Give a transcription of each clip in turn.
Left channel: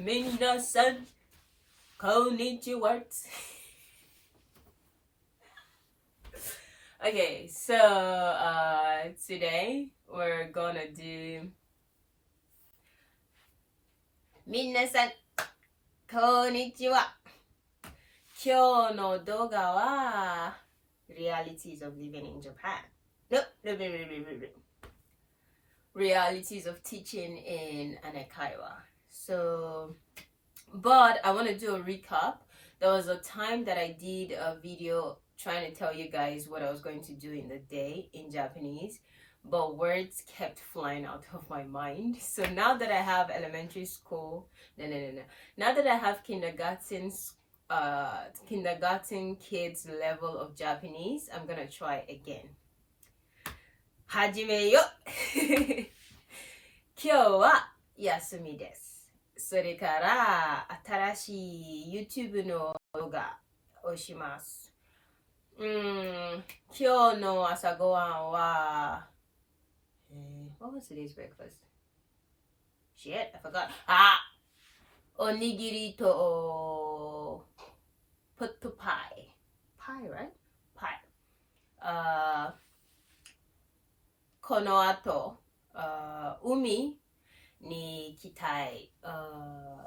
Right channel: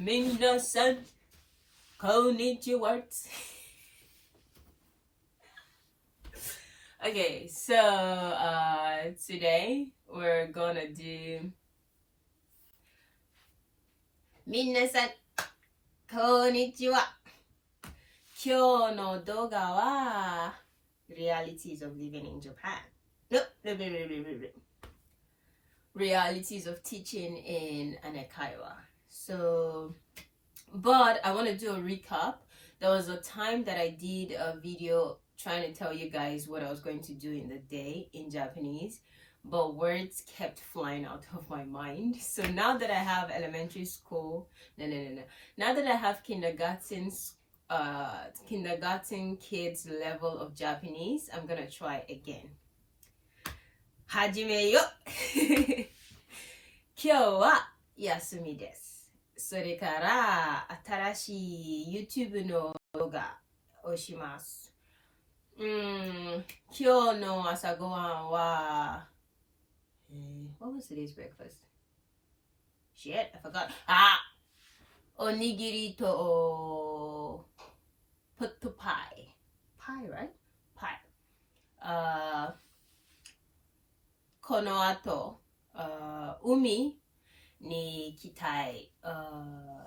Minasan, konnichiwa. Okay, so today we're gonna do Minasan, konnichiwa. Kyou no doga wa realities of living in Japan. No. Realities of teaching in an Eikaiwa. So, but I want to do a recap. There was a time that I did a video trying to tell you guys what I was going to do in the day in Japanese, but words kept flying out of my mind. So now that I have elementary school, no. Now that I have kindergarten kids level of Japanese, I'm gonna try again. はじめよ今日は休みです。それから新しい YouTube の動画をします。今日の朝ごはんは、What was today's breakfast? Shit, I forgot. おにぎりとポットパイ。Pie, right? Pie. この後、海に行きたい。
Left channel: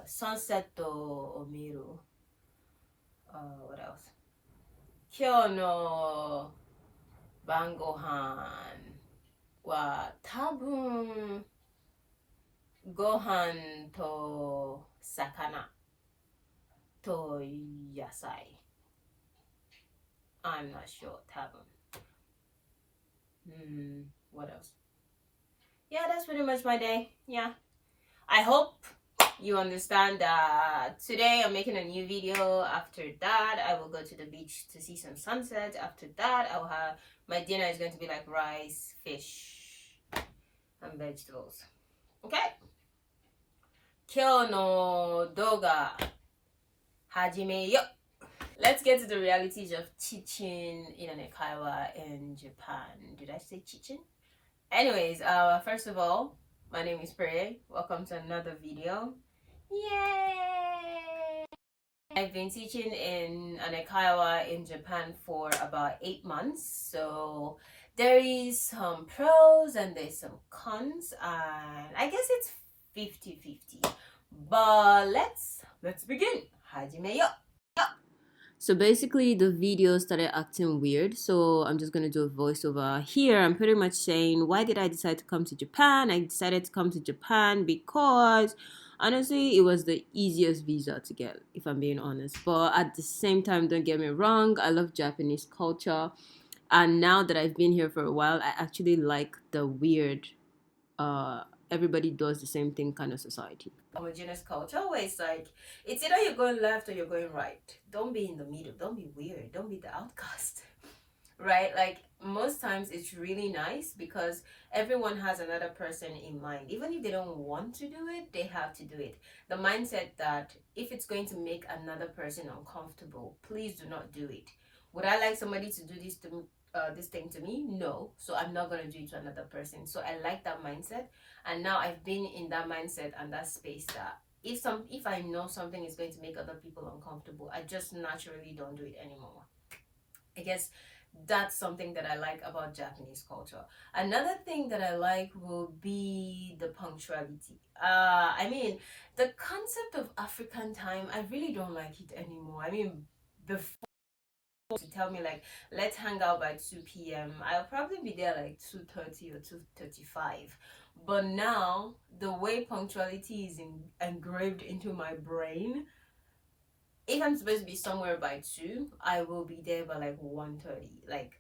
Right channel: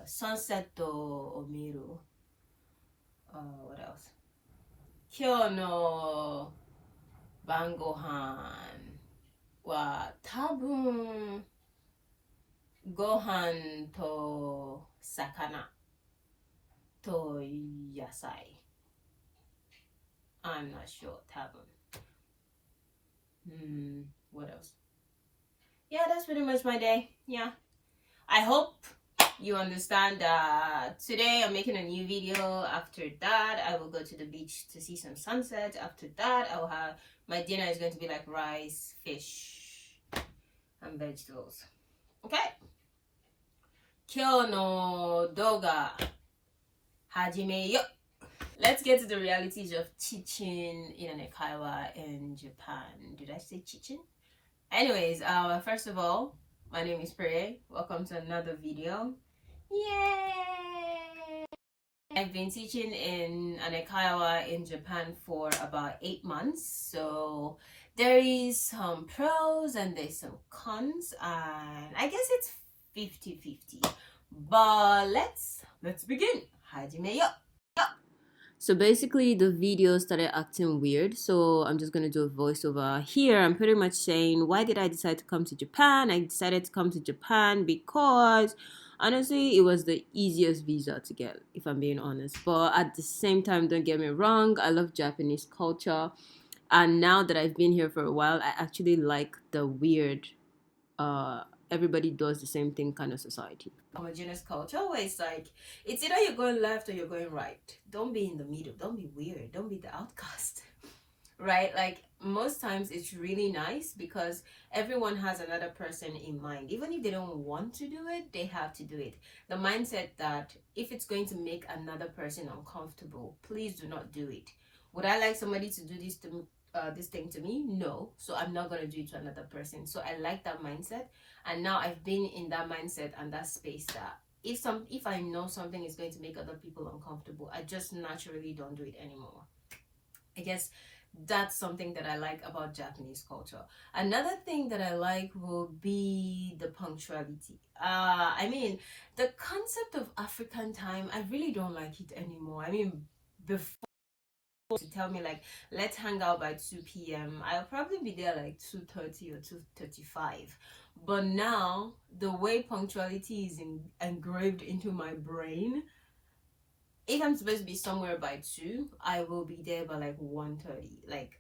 サンセットを見る。What else? 今日の晩ご飯は多分ご飯と魚と野菜。I'm not sure, 多分。What else? Yeah, that's pretty much my day. Yeah. I hope you understand that today I'm making a new video. After that, I will go to the beach to see some sunset. After that, I will have my dinner is going to be like rice, fish, and vegetables. Okay? 今日の動画始めよ。Let's get to the realities of teaching in an Eikaiwa in Japan. Did I say teaching? Anyways, first of all, my name is Prey. Welcome to another video. Yay! I've been teaching in an Eikaiwa in Japan for about 8 months. So there is some pros and there's some cons, and I guess it's 50-50. But let's begin. Hajime yo. So basically the video started acting weird, so I'm just going to do a voiceover. Here I'm pretty much saying, why did I decide to come to Japan? I decided to come to Japan because honestly it was the easiest visa to get, if I'm being honest. But at the same time, don't get me wrong, I love Japanese culture, and now that I've been here for a while, I actually like the weird everybody does the same thing kind of society. Homogeneous culture where it's like, it's either you're going left or you're going right. Don't be in the middle. Don't be weird. Don't be the outcast. Right? Like most times it's really nice because everyone has another person in mind. Even if they don't want to do it, they have to do it. The mindset that if it's going to make another person uncomfortable, please do not do it. Would I like somebody to do this thing to me? No. So I'm not gonna do it to another person. So I like that mindset, and now I've been in that mindset and that space that if I know something is going to make other people uncomfortable, I just naturally don't do it anymore. I guess that's something that I like about Japanese culture. Another thing that I like will be the punctuality. I mean, the concept of African time, I really don't like it anymore. I mean, before to tell me like let's hang out by 2 p.m. I'll probably be there like 2:30 or 2:35. But now the way punctuality is engraved into my brain, if I'm supposed to be somewhere by 2, I will be there by like 1:30. Like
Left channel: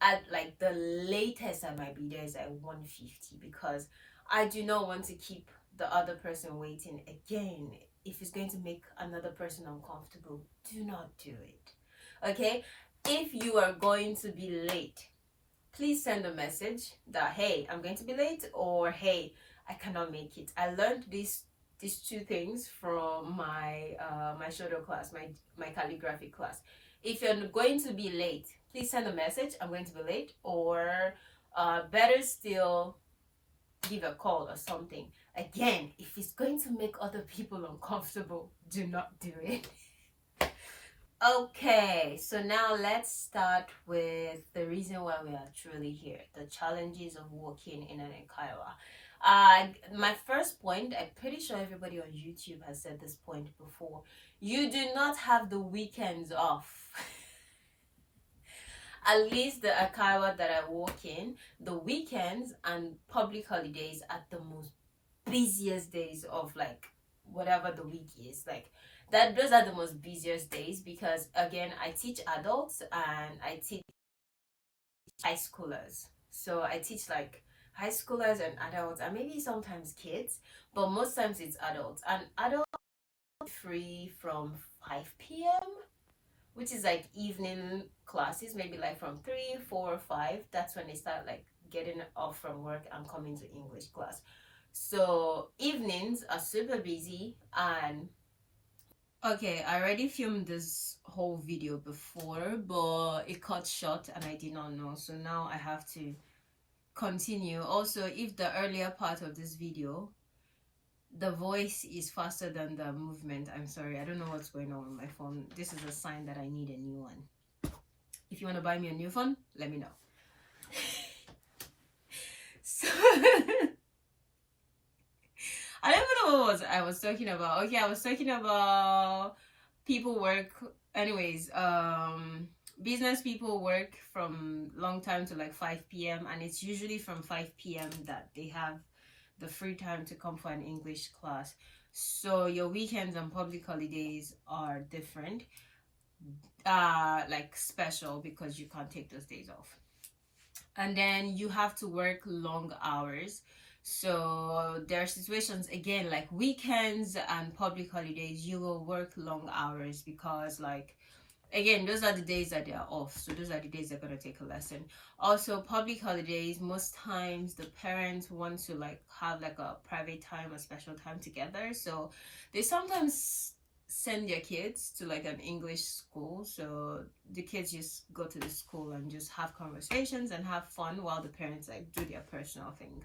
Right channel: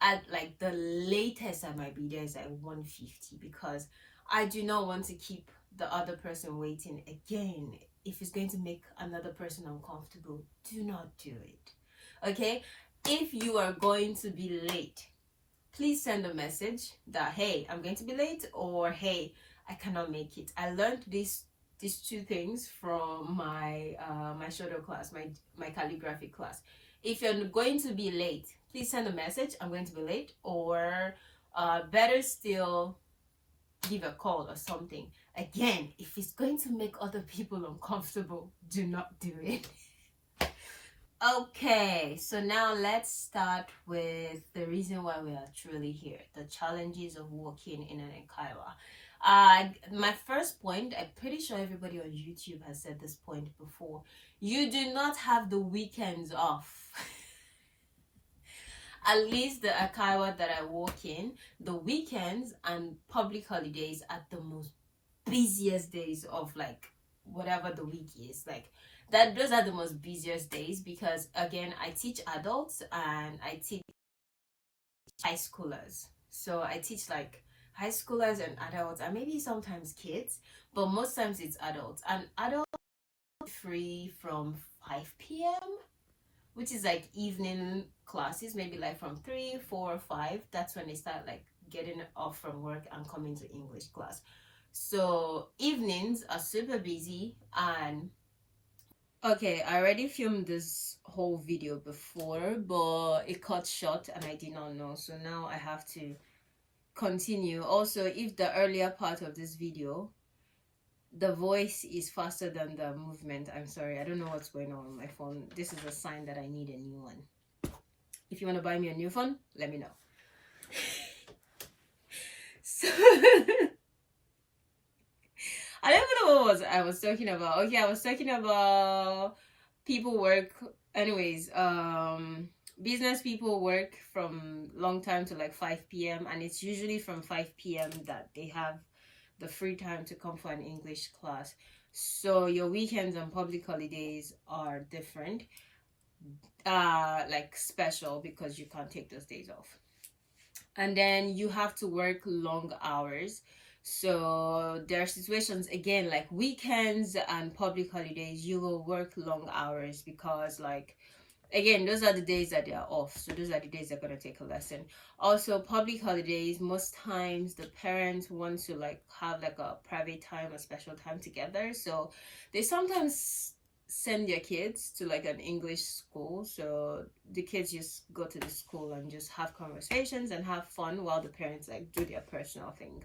at like the latest I might be there is like 1:50, because I do not want to keep the other person waiting again. If it's going to make another person uncomfortable, do not do it. Okay, if you are going to be late, please send a message that hey, I'm going to be late, or hey, I cannot make it. I learned these 2 things from my my shodo class, my calligraphy class. If you're going to be late, please send a message, I'm going to be late, or better still, give a call or something. Again, if it's going to make other people uncomfortable, do not do it. Okay, so now let's start with the reason why we are truly here, the challenges of working in an Eikaiwa. My first point, I'm pretty sure everybody on YouTube has said this point before. You do not have the weekends off. At least the Eikaiwa that I work in, the weekends and public holidays are the most busiest days of like whatever the week is. Like that, those are the most busiest days because again, I teach adults and I teach high schoolers. So I teach like high schoolers and adults and maybe sometimes kids, but most times it's adults. And adults are free from 5 p.m., which is like evening classes, maybe like from 3, 4, 5. That's when they start like getting off from work and coming to English class. So evenings are super busy. And okay, I already filmed this whole video before, but it cut short and I did not know, so now I have to continue. Also, if the earlier part of this video the voice is faster than the movement, I'm sorry, I don't know what's going on with my phone. This is a sign that I need a new one. If you want to buy me a new phone, let me know. So I don't know what I was talking about. Okay, I was talking about people work anyways. Business people work from long time to like 5 p.m. and it's usually from 5 p.m. that they have the free time to come for an English class. So your weekends and public holidays are different, like special because you can't take those days off. And then you have to work long hours. So there are situations again like weekends and public holidays you will work long hours because like again those are the days that they are off, so those are the days they're going to take a lesson. Also public holidays, most times the parents want to like have like a private time, a special time together, so they sometimes send their kids to like an English school, so the kids just go to the school and just have conversations and have fun while the parents like do their personal thing.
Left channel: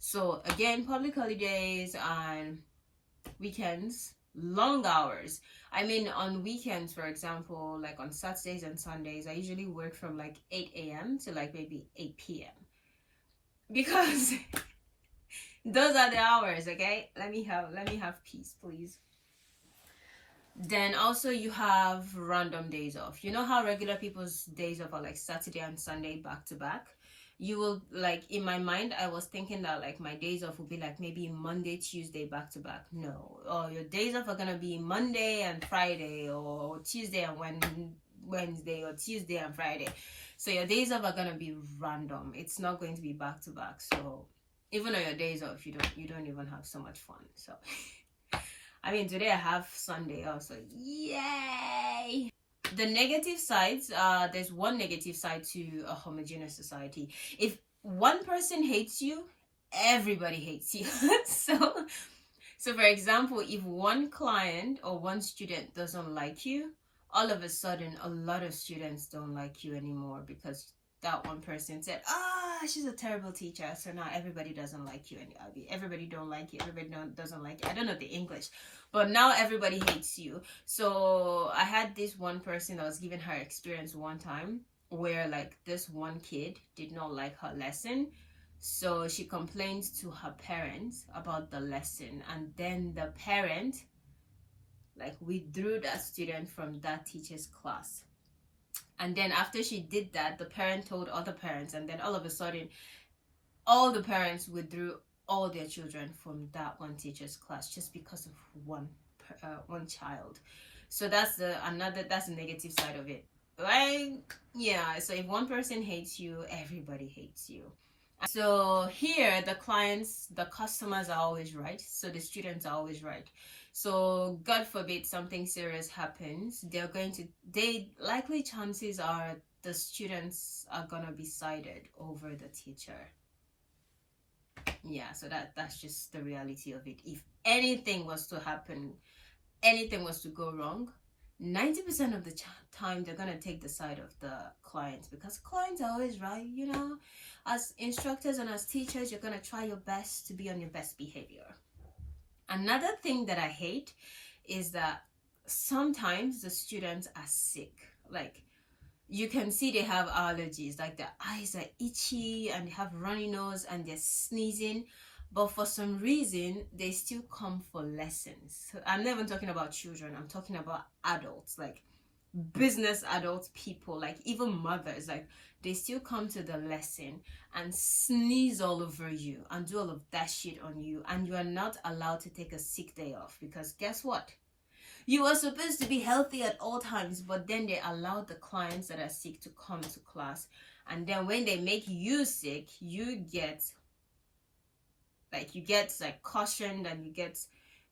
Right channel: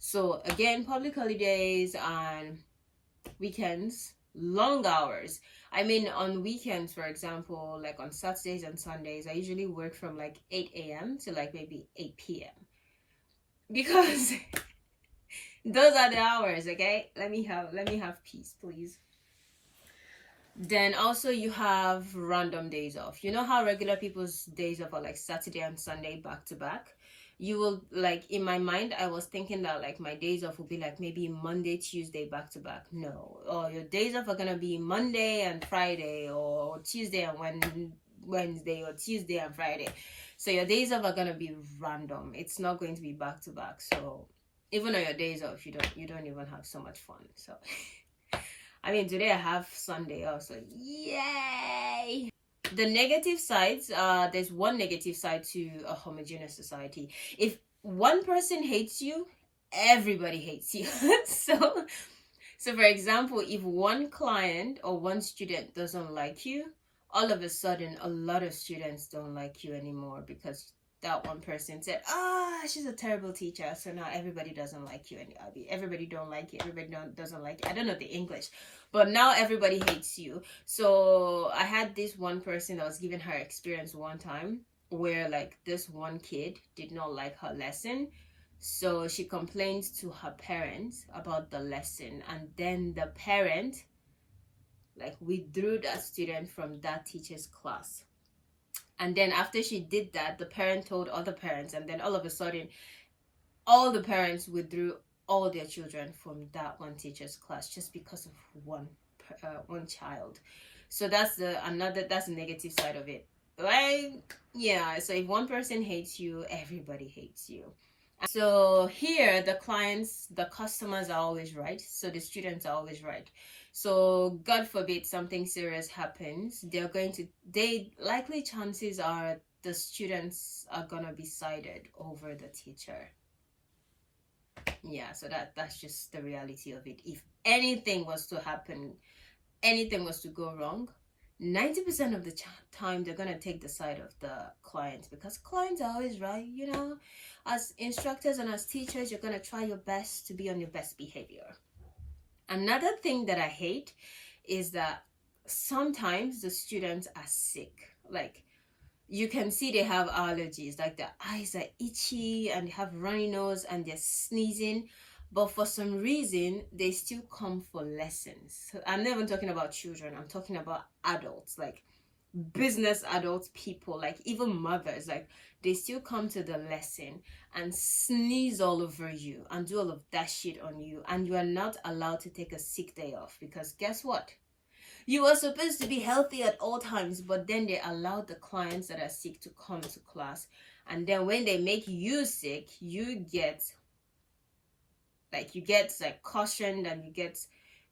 So again, public holidays and weekends, long hours. I mean, on weekends, for example, like on Saturdays and Sundays, I usually work from like 8 a.m. to like maybe 8 p.m. because those are the hours, okay? Let me have peace, please. Then also you have random days off. You know how regular people's days off are like Saturday and Sunday back to back? You will like, in my mind I was thinking that like my days off would be like maybe Monday, Tuesday back to back. No, or your days off are gonna be Monday and Friday, or Tuesday and Wednesday, or Tuesday and Friday. So your days off are gonna be random. It's not going to be back to back. So even on your days off, you don't even have so much fun. So I mean, today I have Sunday off, so yay. The negative sides, there's one negative side to a homogeneous society. If one person hates you, everybody hates you. so for example, if one client or one student doesn't like you, all of a sudden a lot of students don't like you anymore because that one person said, she's a terrible teacher, so now everybody doesn't like you, and everybody don't like you, doesn't like you. I don't know the English, but now everybody hates you. So I had this one person that was giving her experience one time where like this one kid did not like her lesson, so she complained to her parents about the lesson, and then the parent like withdrew that student from that teacher's class. And then after she did that, the parent told other parents, and then all of a sudden all the parents withdrew all their children from that one teacher's class just because of one child. So that's the negative side of it, right? Yeah, so if one person hates you, everybody hates you. So here the customers are always right, so the students are always right. So God forbid something serious happens, likely chances are the students are gonna be sided over the teacher. Yeah, so that's just the reality of it. If anything was to happen, anything was to go wrong, 90% of the time they're gonna take the side of the clients, because clients are always right, you know. As instructors and as teachers, you're gonna try your best to be on your best behavior. Another thing that I hate is that sometimes the students are sick. Like, you can see they have allergies, like their eyes are itchy and they have runny nose and they're sneezing, but for some reason they still come for lessons. I'm not even talking about children, I'm talking about adults, like business adults, people, like even mothers. Like, they still come to the lesson and sneeze all over you and do all of that shit on you, and you are not allowed to take a sick day off, because guess what, you are supposed to be healthy at all times. But then they allow the clients that are sick to come to class, and then when they make you sick, you get cautioned, and you get,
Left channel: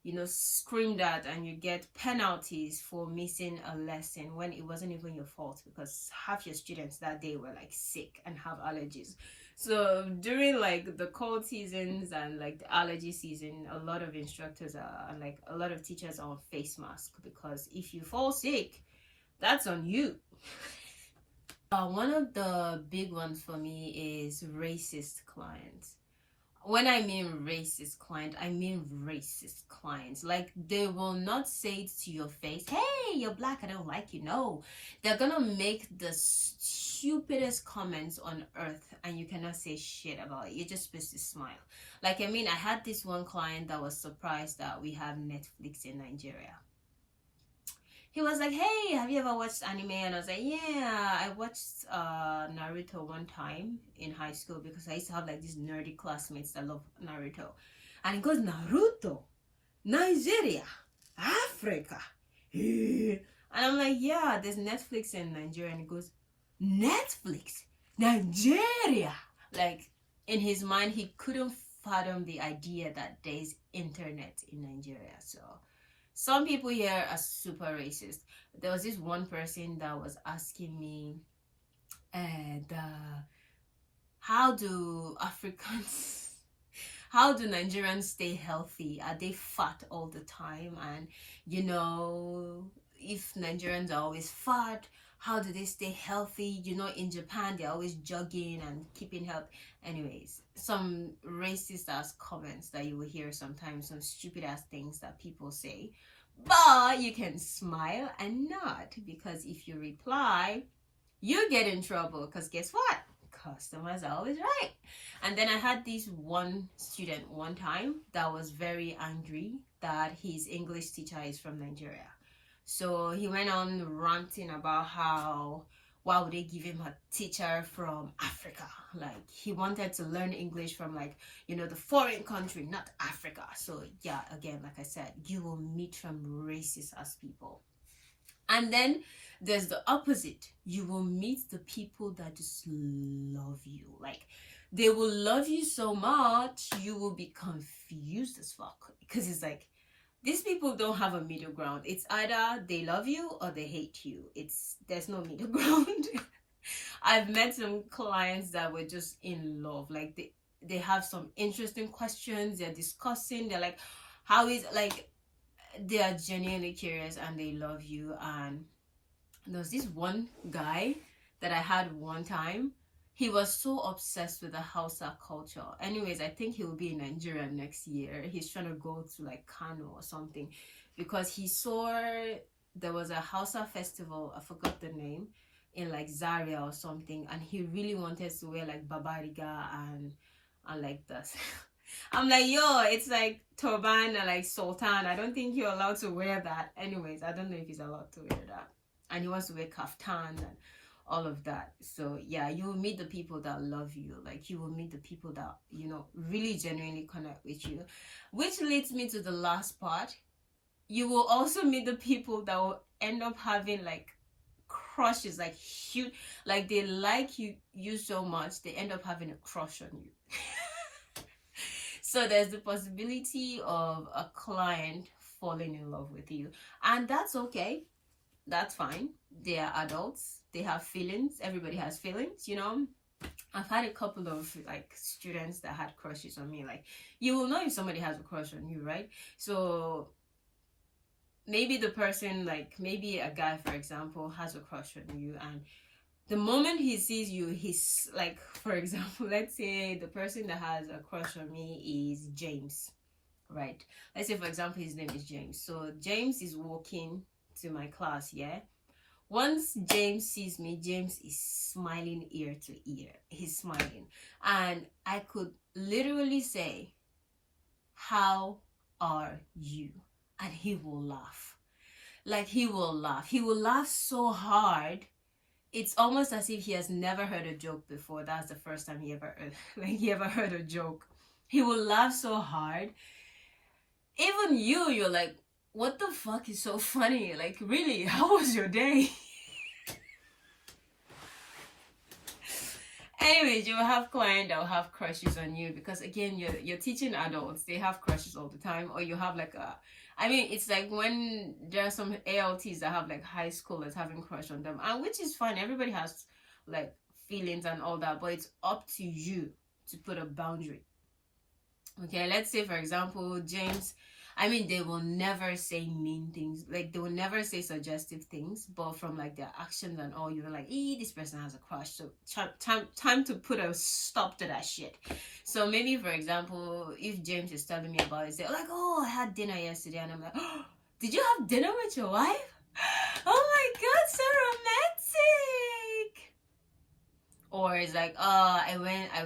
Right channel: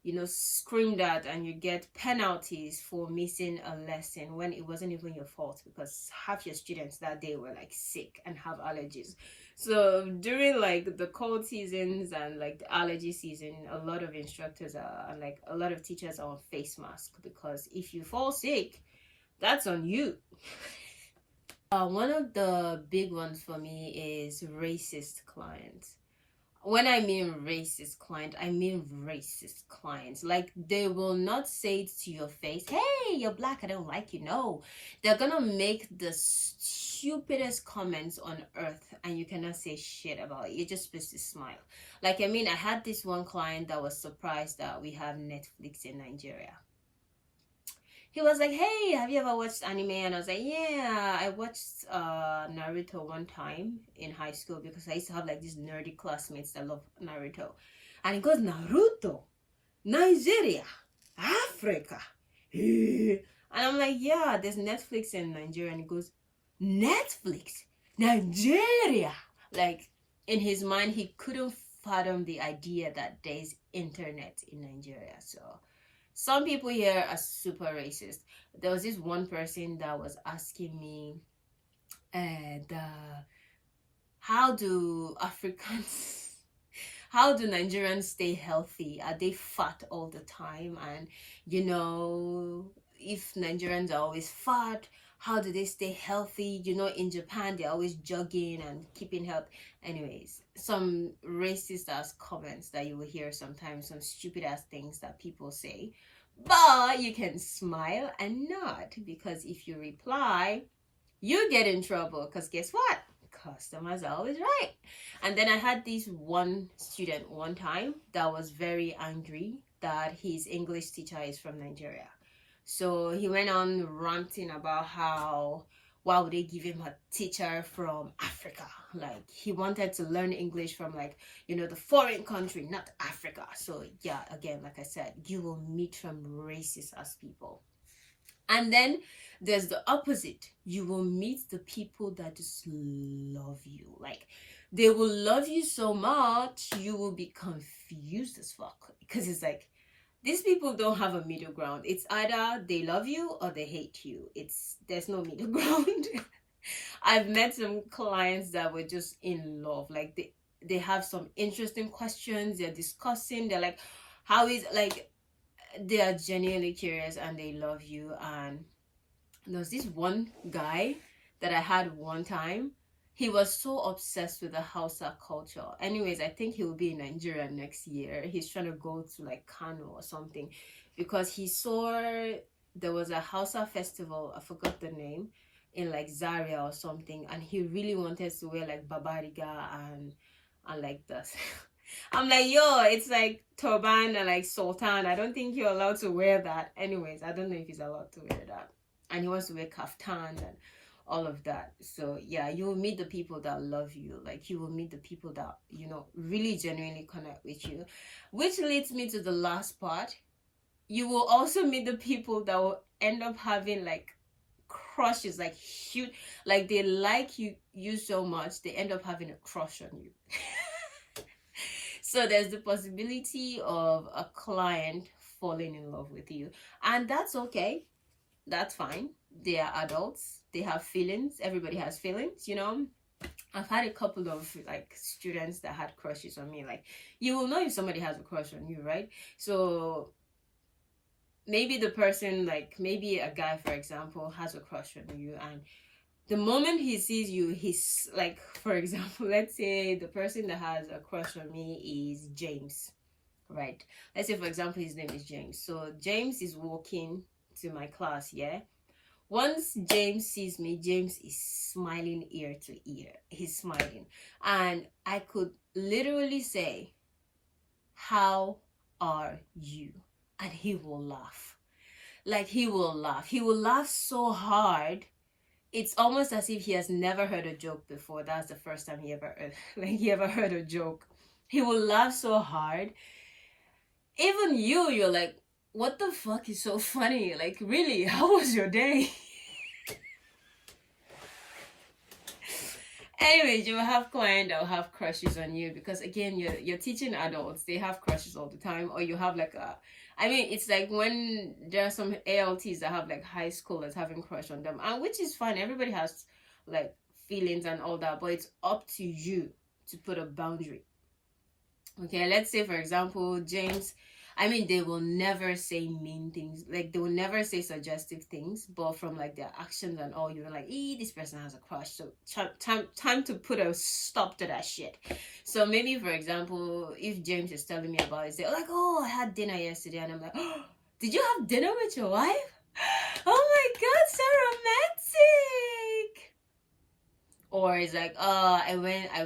you know, screamed at, and you get penalties for missing a lesson when it wasn't even your fault, because half your students that day were like sick and have allergies. So during like the cold seasons and like the allergy season, a lot of instructors are like, a lot of teachers are on face mask, because if you fall sick, that's on you. One of the big ones for me is racist clients. When I mean racist client, I mean racist clients. Like, they will not say it to your face, hey, you're black, I don't like you. No, they're gonna make the stupidest comments on earth, and you cannot say shit about it. You're just supposed to smile. Like, I mean, I had this one client that was surprised that we have Netflix in Nigeria. He was like, hey, have you ever watched anime? And I was like, yeah, I watched Naruto one time in high school, because I used to have like these nerdy classmates that love Naruto. And he goes, Naruto, Nigeria, Africa. And I'm like, yeah, there's Netflix in Nigeria. And he goes, Netflix, Nigeria. Like, in his mind, he couldn't fathom the idea that there's internet in Nigeria. So some people here are super racist. There was this one person that was asking me, how do Africans, how do Nigerians stay healthy? Are they fat all the time? And, you know, if Nigerians are always fat, how do they stay healthy? You know, in Japan, they're always jogging and keeping health. Anyways, some racist ass comments that you will hear sometimes, some stupid ass things that people say. But you can smile and nod, because if you reply, you get in trouble, because guess what? Customers are always right. And then I had this one student one time that was very angry that his English teacher is from Nigeria. So he went on ranting about how, why would they give him a teacher from Africa? Like, he wanted to learn English from, like, you know, the foreign country, not Africa. So yeah, again, like I said, you will meet some racist ass people. And then there's the opposite. You will meet the people that just love you. Like, they will love you so much, you will be confused as fuck. Because it's like, these people don't have a middle ground. It's either they love you or they hate you. There's no middle ground. I've met some clients that were just in love. Like, they have some interesting questions. They're discussing. They're like, how is, like, they are genuinely curious and they love you. And there's this one guy that I had one time. He was so obsessed with the Hausa culture. Anyways, I think he will be in Nigeria next year. He's trying to go to like Kano or something, because he saw there was a Hausa festival, I forgot the name, in like Zaria or something, and he really wanted to wear like babariga and like this. I'm like, yo, it's like turban and like sultan. I don't think you're allowed to wear that. Anyways, I don't know if he's allowed to wear that. And he wants to wear kaftan and all of that. So yeah, you will meet the people that love you. Like, you will meet the people that, you know, really genuinely connect with you, which leads me to the last part. You will also meet the people that will end up having like crushes, like huge, like they like you so much they end up having a crush on you. So there's the possibility of a client falling in love with you, and that's okay. That's fine. They are adults. They have feelings. Everybody has feelings, you know. I've had a couple of like students that had crushes on me. Like, you will know if somebody has a crush on you, right? So maybe the person, like maybe a guy for example has a crush on you, and the moment he sees you, he's like, for example, let's say the person that has a crush on me is James, right? Let's say for example his name is James. So James is walking to my class, yeah. Once James sees me, James is smiling ear to ear. He's smiling, and I could literally say, how are you? And he will laugh. Like, he will laugh. He will laugh so hard. It's almost as if he has never heard a joke before. That's the first time he ever heard a joke. He will laugh so hard. Even you're like, what the fuck is so funny? Like, really, how was your day? Anyways, you will have clients that will have crushes on you, because again, you're teaching adults. They have crushes all the time. Or you have like it's like when there are some ALTs that have like high schoolers having crush on them, and which is fine. Everybody has like feelings and all that, but it's up to you to put a boundary. Okay, let's say for example, James, they will never say mean things. Like, they will never say suggestive things, but from like their actions and all, you're like, this person has a crush. So time to put a stop to that shit. So maybe, for example, if James is telling me about it, say like, I had dinner yesterday, and I'm like, did you have dinner with your wife? Oh my god, so romantic. Or it's like, I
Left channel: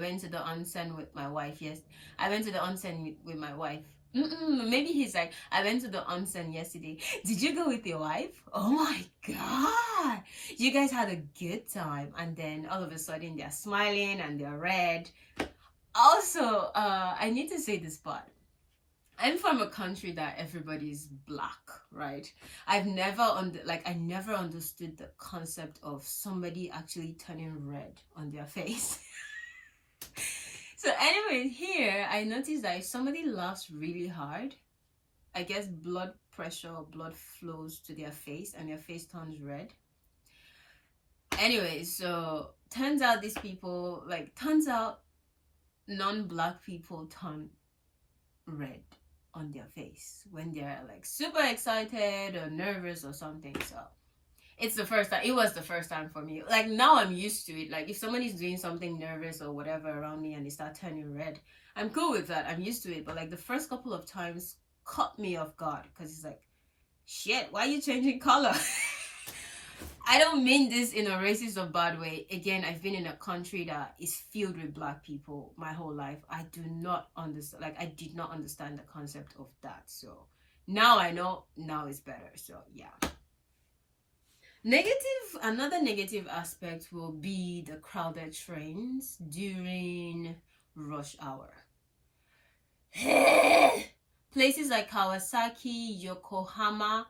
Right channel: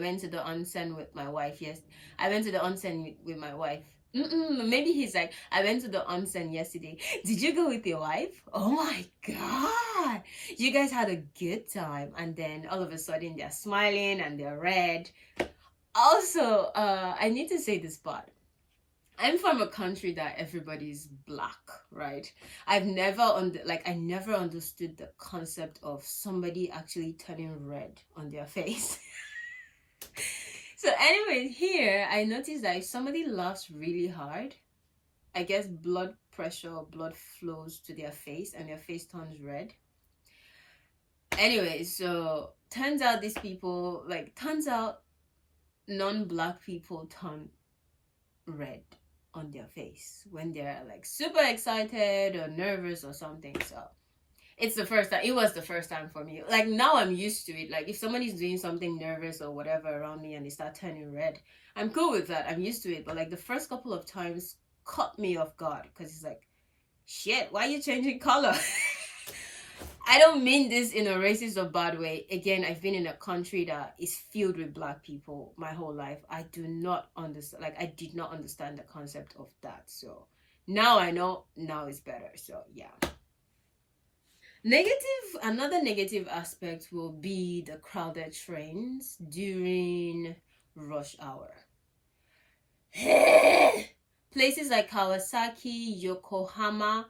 went to the onsen with my wife. Yes, I went to the onsen with my wife. Maybe he's like, I went to the onsen yesterday. Did you go with your wife? Oh my god, you guys had a good time. And then all of a sudden they're smiling and they're red. Also, I need to say this part. I'm from a country that everybody's black, right? I never understood the concept of somebody actually turning red on their face. So anyway, here I noticed that if somebody laughs really hard, I guess blood pressure or blood flows to their face and their face turns red. Anyway, so turns out non-black people turn red on their face when they're like super excited or nervous or something. So it was the first time for me. Like, now I'm used to it. Like, if somebody's doing something nervous or whatever around me and they start turning red, I'm cool with that. I'm used to it. But like the first couple of times caught me off guard, because it's like, shit, why are you changing color? I don't mean this in a racist or bad way. Again, I've been in a country that is filled with black people my whole life. I did not understand the concept of that. So now I know, now it's better. So yeah. Another negative aspect will be the crowded trains during rush hour. Places like Kawasaki, Yokohama,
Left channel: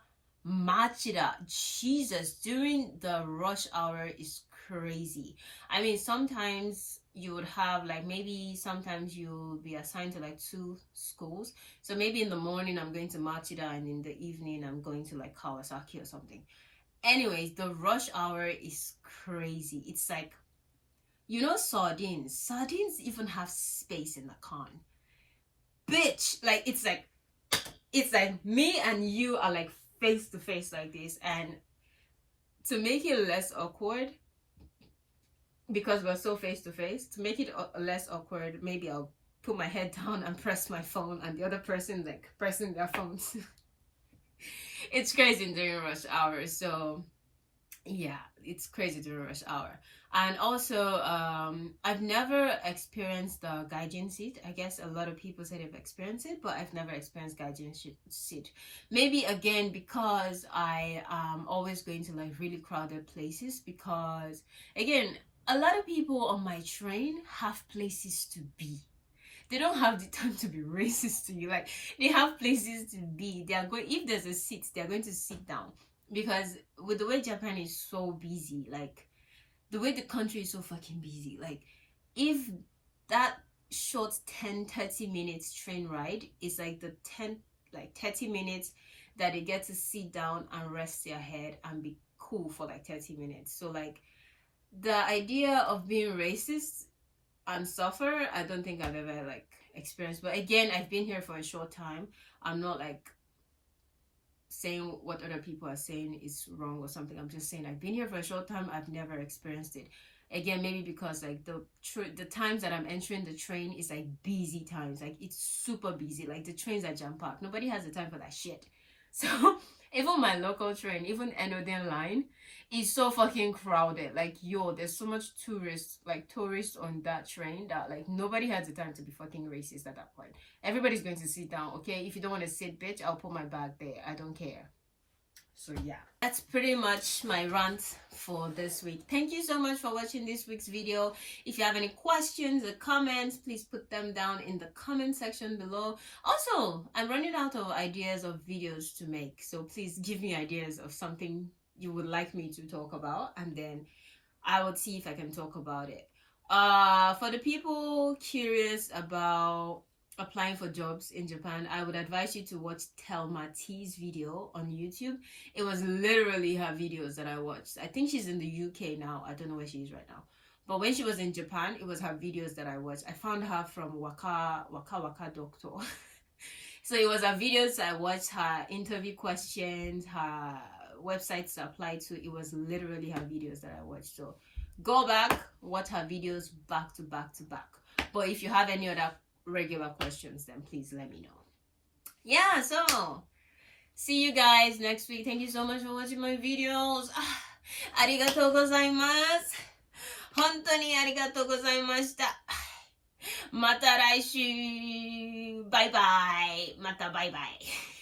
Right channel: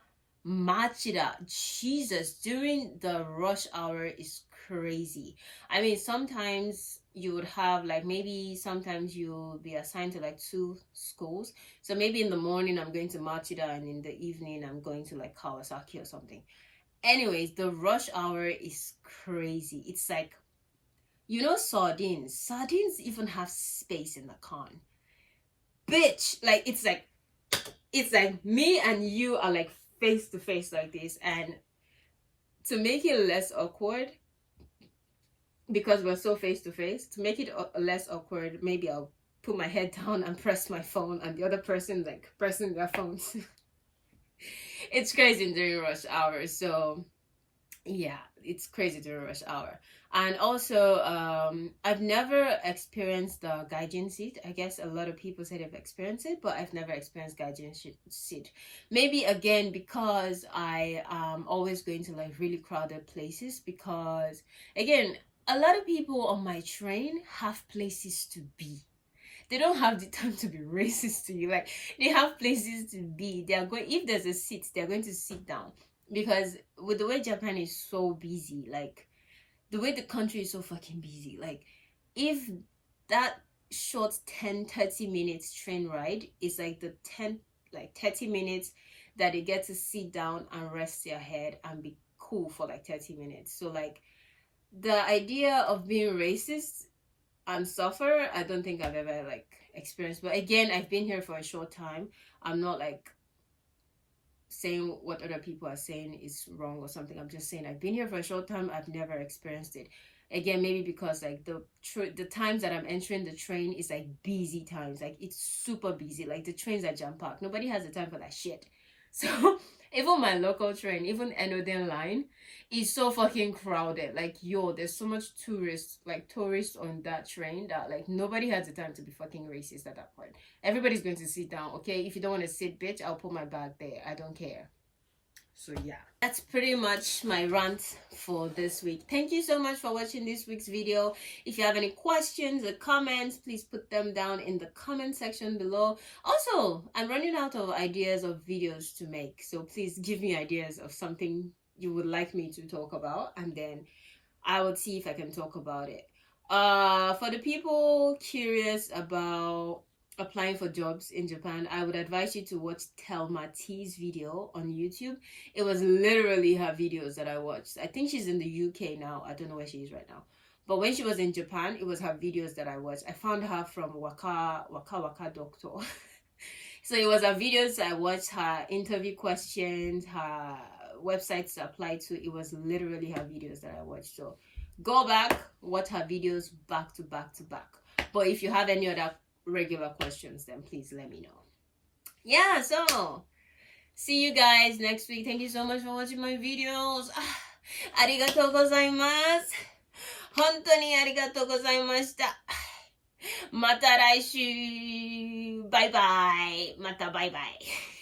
Machida, Jesus, during the rush hour is crazy. Sometimes you would have sometimes you'll be assigned to like 2 schools. So maybe in the morning I'm going to Machida, and in the evening I'm going to like Kawasaki or something. Anyways, the rush hour is crazy. It's like, sardines even have space in the can. Bitch, like, it's like me and you are like face to face like this. And to make it less awkward, because we're so face to face, to make it less awkward, maybe I'll put my head down and press my phone, and the other person like pressing their phones. It's crazy during rush hour. So yeah, it's crazy during rush hour. And also, I've never experienced the gaijin seat. I guess a lot of people say they've experienced it, but I've never experienced gaijin seat. Maybe again because I am always going to like really crowded places, because again, a lot of people on my train have places to be. They don't have the time to be racist to you. Like, they have places to be. If there's a seat, they're going to sit down. Because with the way Japan is so busy, like, the way the country is so fucking busy, like, if that short 10-30 minutes train ride is like the 30 minutes that they get to sit down and rest their head and be cool for like 30 minutes. So like, the idea of being racist and suffer, I don't think I've ever like experienced. But again, I've been here for a short time. I'm not like saying what other people are saying is wrong or something. I'm just saying I've been here for a short time. I've never experienced it. Again, maybe because like the times that I'm entering the train is like busy times. Like it's super busy. Like the trains are jam packed. Nobody has the time for that shit. So even my local train, even Enoden line, is so fucking crowded. Like yo, there's so much tourists on that train that like nobody has the time to be fucking racist at that point. Everybody's going to sit down. Okay, if you don't want to sit, bitch, I'll put my bag there. I don't care. So yeah, that's pretty much my rant for this week. Thank you so much for watching this week's video. If you have any questions or comments, please put them down in the comment section below. Also, I'm running out of ideas of videos to make, so please give me ideas of something you would like me to talk about, and then I would see if I can talk about it. For the people curious about applying for jobs in Japan, I would advise you to watch Telma T's video on YouTube. It was literally her videos that I watched. I think she's in the UK now. I don't know where she is right now. But when she was in Japan, it was her videos that I watched. I found her from Waka Doctor. So it was her videos. I watched her interview questions, her websites to apply to. It was literally her videos that I watched. So go back, watch her videos back to back to back. But if you have any other regular questions, then please let me know. Yeah, so see you guys next week. Thank you so much for watching my videos. Arigatou gozaimasu. 本当にありがとうございました。また来週。バイバイ。またバイバイ。